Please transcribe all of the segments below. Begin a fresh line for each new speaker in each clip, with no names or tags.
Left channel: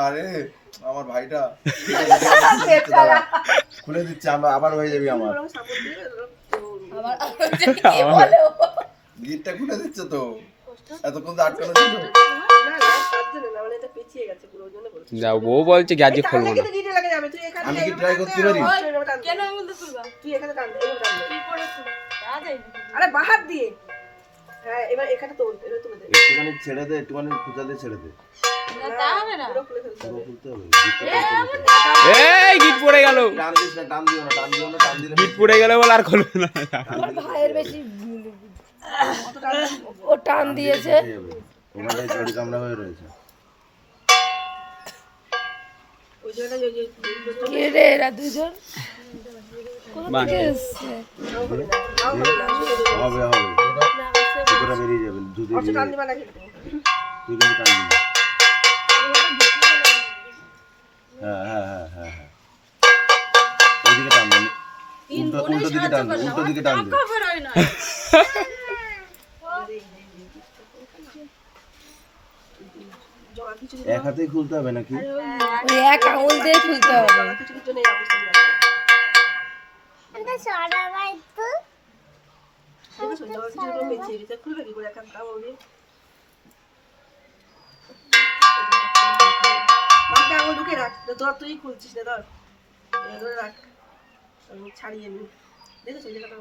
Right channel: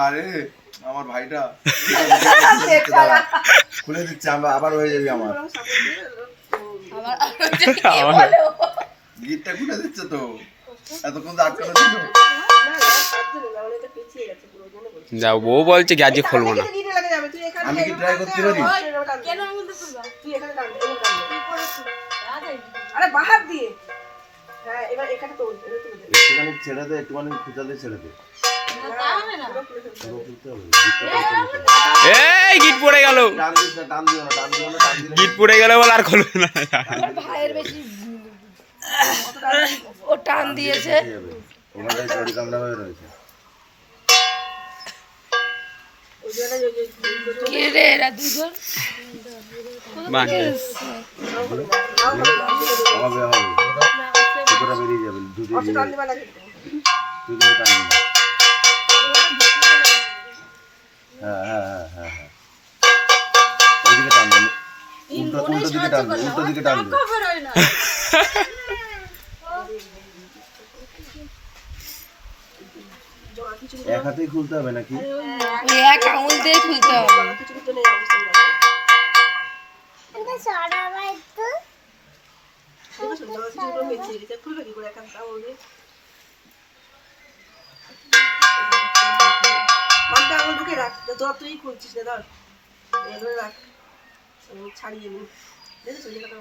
আরে
আমার ভাইটা খুলে দিচ্ছে আমরা আবার হয়ে যাবি আমার? গিটটা খুলে দিচ্ছে তো এতক্ষণ তো আটকানো
মানে।
যাও বউ বলছে কি আজকে খুলবো না
আমি কি
টান
করতে পারি?
দে।
কেন আঙুল তো তুলবা?
তুই এখানে দে, এভাবে টান দে।
কি করে তুলবা তাড়াতাড়ি
আরে বাহার দিয়ে। হ্যাঁ এবার এখানে তোল এটা তুলে দে।
একটুখানি ছেড়ে দে একটুখানি খুঁজা দিয়ে ছেড়ে দে।
এই গিট পড়ে গেল।
টান দিস না টান দিও না টান দিও টান দিলে
গিট পড়ে গেলে বলে আর খুলবে না।
ও টান দিয়েছে।
জড়ি কামড়া হয়ে রয়েছে।
কে রে এরা দুজন?
হবে হবে। বেরিয়ে যাবে দুধে
অত টান দিবা না কিন্তু
তুই কিন্তু টান দিবি। হ্যাঁ হ্যাঁ হ্যাঁ হ্যাঁ হ্যাঁ। উল্টো উল্টো দিকে টান উল্টো দিকে টান এক হাতেই খুলতে হবে নাকি?
এক আঙুল দিয়ে খুলতে হবে।
খুলবে কি করে দিয়ে? মানটা আঙুল ঢুকে রাখ। তোরা তুই খুলছিস না ধর। এগুলো রাখ। ছাড়িয়ে নি। দেখেছ কথা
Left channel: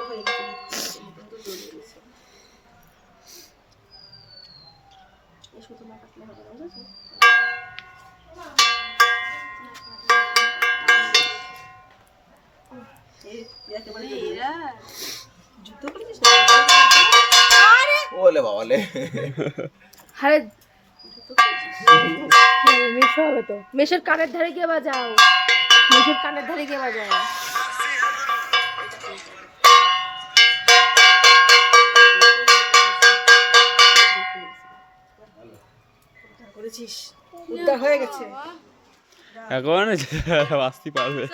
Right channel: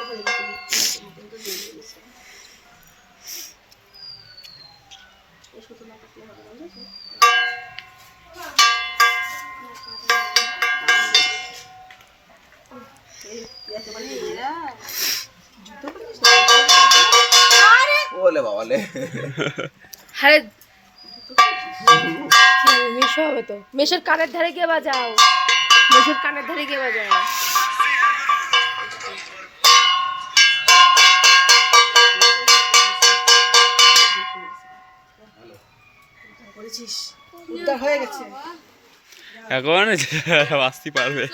ওখানে গেছে কিন্তু বেরিয়ে গেছে এই সুতো না কাটলে হবে না বুঝেছ? এই একেবারে বেরিয়ে যুদ্ধ করেছিস না
ওলে বাবালে
আরে মেশো হবে তো। মেশোর কানের ধারে গিয়ে বাজাও। মেশোর কানের ধারে গিয়ে বাজাও।
করেছিস? উদ্ধার হয়ে গেছে।
এখন আসতে পারবে।